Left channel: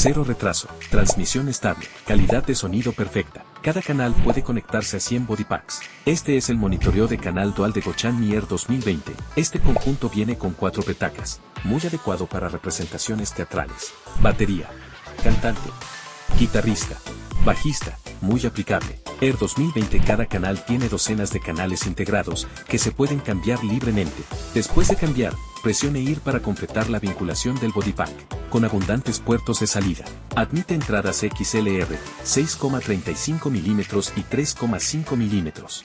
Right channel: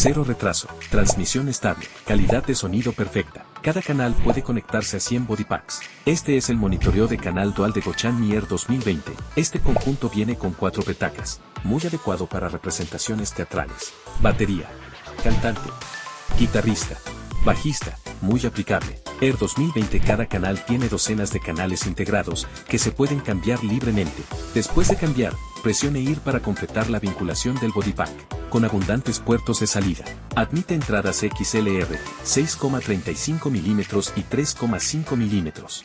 Cero retraso, transmisión estable, calidad de sonido perfecta. Cada canal puede conectarse a 100 body packs. Este es el monitoreo de canal dual de Gochan Mi Air 2020. Este conjunto viene con 4 petacas, muy adecuado para representaciones teatrales. Batería, cantante, guitarrista, bajista, muy aplicable. Air 2020. Cada canal tiene docenas de canales integrados que se pueden cambiar libremente. Después de cambiar, presione IR para completar la vinculación del bodypack, con abundantes puertos de salida. Admite entradas XLR, 6,35 mm y 3,5 mm.